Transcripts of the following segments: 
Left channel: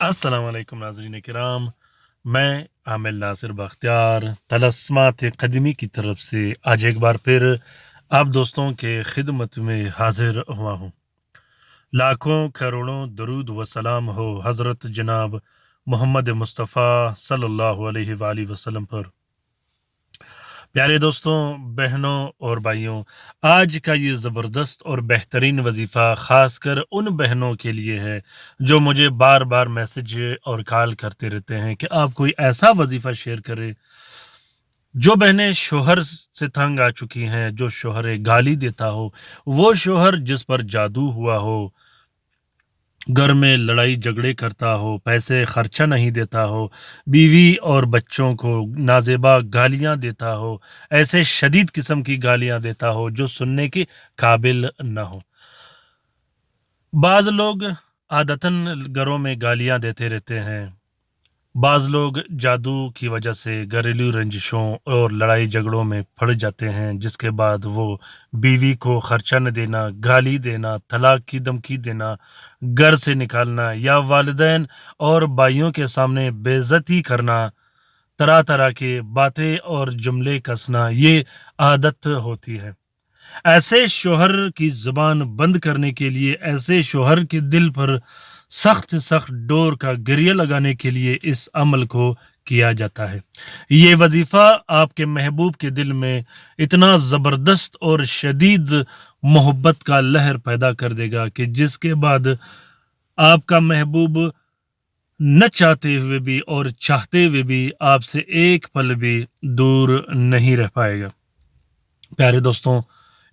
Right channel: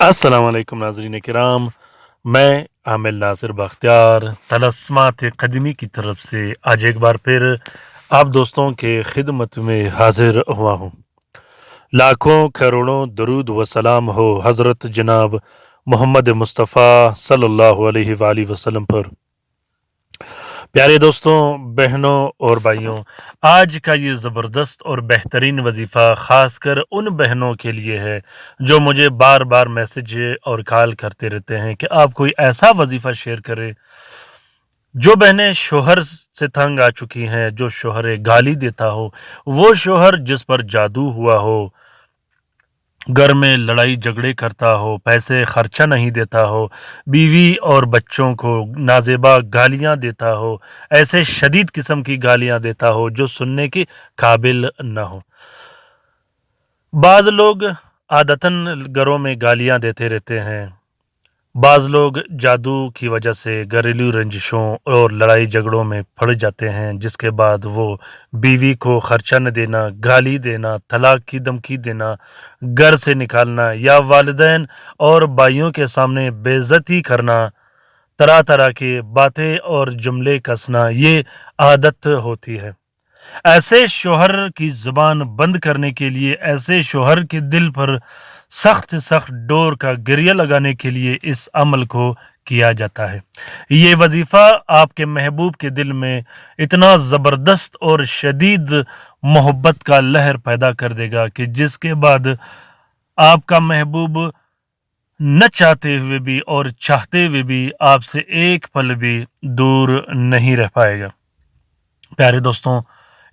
السلام علیکم ناظرین کرام، میں عامل ناصر بختیار طلسمات قدیمی کی طرف سے آج ایک بار پھر آپ دوستوں کے خدمت میں حاضر ہوا ہوں۔ لاکھوں کروڑوں درود و سلام ہو حضرت جناب محمد مصطفیٰ صلی اللہ علیہ وآلہ وسلم پر۔ پیارے دوستوں، بہنوں اور بھائیوں، آج کا یہ زبردست اور بہترین وظیفہ خاص کر ان بہنوں کے لیے ہے جو مجھے بار بار میسج اور کال کرتے رہتے ہیں کہ آپ کوئی ایسا وظیفہ شیئر کریں۔ جو بہنیں شوہر سے تنگ آ چکی ہیں، جو شوہر گالی دیتا ہو، وہ شوہر جس پر جادو ہوا ہو، گھر میں لڑائی جھگڑے کرتا ہو، پیسے خرچہ نہیں دیتا ہو، بیوی اور بچوں کو نازیبا گالیاں دیتا ہو، ایسے شدید قسم کی گالیاں دیتا ہو جو سننے کے قابل نہ ہو۔ بعض لوگ عادتاً گھروں میں گالیاں دیتے رہتے ہیں، بعض لوگ جادو کی وجہ سے گھریلو رنجشوں اور لڑائی جھگڑوں میں پڑ جاتے ہیں، جس کے بعد وہ بیوی کو خرچہ نہ دینا، گالی دینا، طلاق کی دھمکی دینا، گھر سے نکالنا یا والدین اور بھائیوں کے سامنے بے عزتی کرنا، طرح طرح کی باتیں اور جملے کسنا، یہ عادت ہوتی ہے۔ ایسے شوہر کی زبان بند کرنے کے لیے، ایسے شوہر کے دل پر سخت ڈور کا گریہ لگانے کے لیے اس عمل کو کیا جاتا ہے۔ یہ وظیفہ آپ کے محبوب کے دل میں اتنا زبردست اور شدید محبت کا لہر پیدا کر دے گا کہ جس کے بعد آپ کا محبوب نہ چاہتے ہوئے بھی اور چاہتے ہوئے بھی آپ سے ایک پل بھی دور نہیں رہ پائے گا۔ پیارے دوستوں،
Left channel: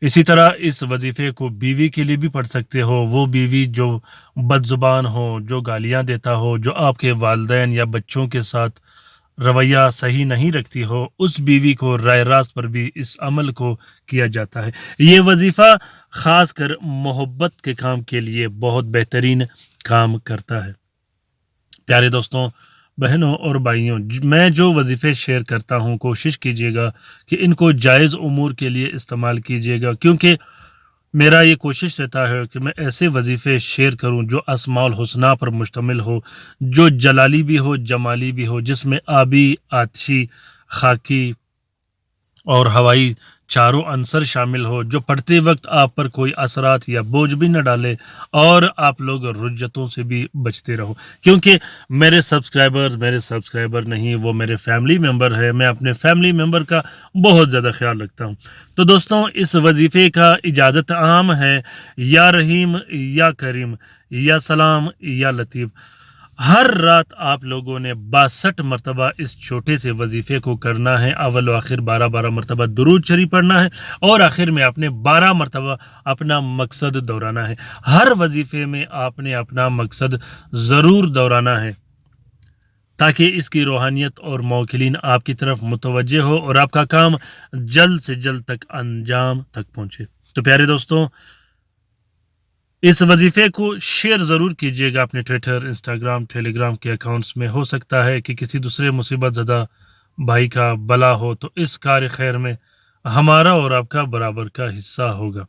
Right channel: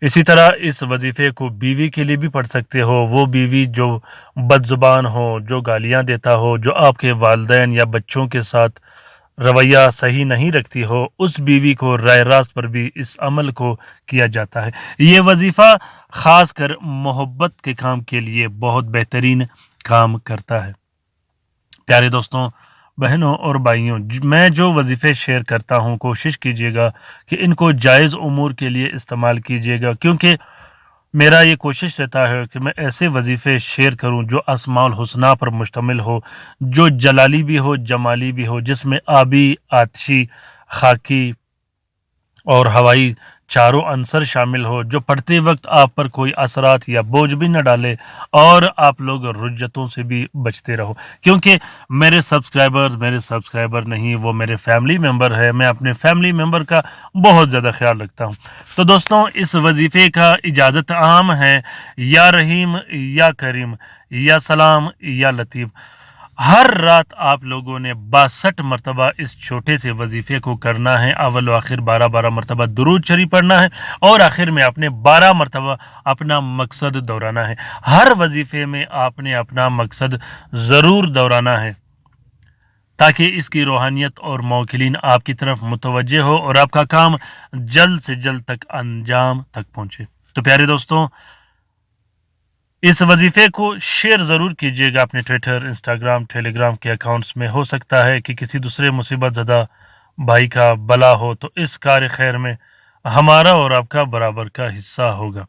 اسی طرح اس وظیفے کو بیوی کے لیے بھی پڑھ سکتے ہو۔ وہ بیوی جو بد زبان ہو، جو گالیاں دیتا ہو، جو آپ کے والدین یا بچوں کے ساتھ رویہ صحیح نہیں رکھتی ہو، اس بیوی کو راہ راست پر بھی اس عمل کو کیا جاتا ہے۔ یہ وظیفہ خاص کر محبت کے کام کے لیے بہت بہترین کام کرتا ہے۔ پیارے دوستوں، بہنوں اور بھائیوں، میں جو وظیفے شیئر کرتا ہوں، کوشش کیجیے گا کہ ان کو جائز امور کے لیے استعمال کیجیے گا، کیونکہ میرا یہ کوشش رہتا ہے کہ میں ایسے وظیفے شیئر کروں جو اسماء الحسنہ پر مشتمل ہو، جو جلالی بھی ہو، جمالی بھی ہو، جس میں آبی، آتشی، خاکی اور ہوائی چاروں عنصر شامل ہو، جو پڑھتے وقت آپ پر کوئی اثرات یا بوجھ بھی نہ ڈالے اور آپ لوگ رجتوں سے بھی بچتے رہو، کیونکہ میرے سبسکرائبر نہیں، وہ میرے فیملی ممبر ہے۔ میں اپنے فیملی ممبر کا بہت زیادہ خیال رکھتا ہوں۔ تو دوستوں، اس وظیفے کا اجازت عام ہے، یا رحیم یا کریم یا سلام یا لطیف۔ ہر رات آپ لوگوں نے 62 مرتبہ اس چھوٹے سے وظیفے کو کرنا ہے۔ اول و آخر 12 مرتبہ درود شریف پڑھنا ہے اور آخر میں آپ نے 12 مرتبہ اپنا مقصد دہرانا ہے۔ ہر وظیفے میں آپ نے اپنا مقصد ضرور دہرانا ہے تاکہ اس کی روحانیت اور موکلین آپ کی طرف متوجہ ہو اور آپ کا کام جلد سے جلد تک انجام تک پہنچے۔ تو پیارے دوستوں، اس وظیفے کو شیئر ضرور کیجیے گا اپنے ٹویٹر، انسٹاگرام، ٹیلی گرام کے اکاؤنٹس میں۔ ہو سکتا ہے کہ کسی دوسرے مصیبت زدہ بھائی کا بلا ہو تو اس کار خیر میں ہمارا اور آپ کا برابر کا حصہ ہوگا۔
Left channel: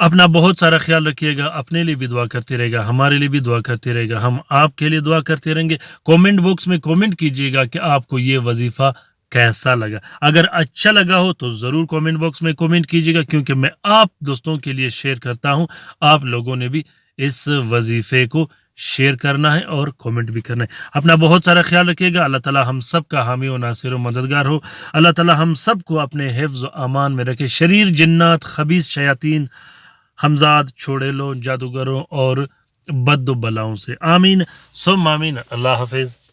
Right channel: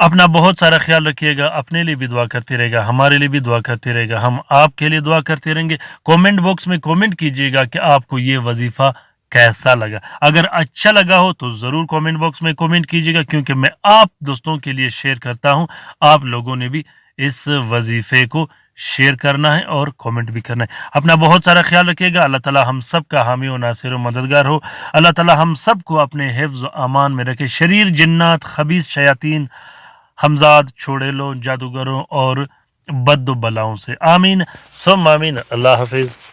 اپنا بہت سارا خیال رکھیے گا، اپنے لیے بھی دعا کرتے رہے گا، ہمارے لیے بھی دعا کرتے رہے گا، ہم آپ کے لیے دعا کرتے رہیں گے۔ کومنٹ باکس میں کومنٹ کیجیے گا کہ آپ کو یہ وظیفہ کیسا لگا۔ اگر اچھا لگا ہو تو ضرور کومنٹ باکس میں کومنٹ کیجیے گا، کیونکہ میں آپ دوستوں کے لیے شیئر کرتا ہوں۔ آپ لوگوں نے بھی اس وظیفے کو شیئر کرنا ہے اور کومنٹ بھی کرنا ہے۔ اپنا بہت سارا خیال رکھیے گا۔ اللہ تعالی ہم سب کا حامی و ناصر و مددگار ہو۔ اللہ تعالی ہم سب کو اپنے حفظ و امان میں رکھے، شریر جنات، خبیث شیاطین، ہمزاد، چھوڑیلوں، جادوگروں اور بد و بلاؤں سے۔ آمین ثم آمین۔ اللہ حافظ۔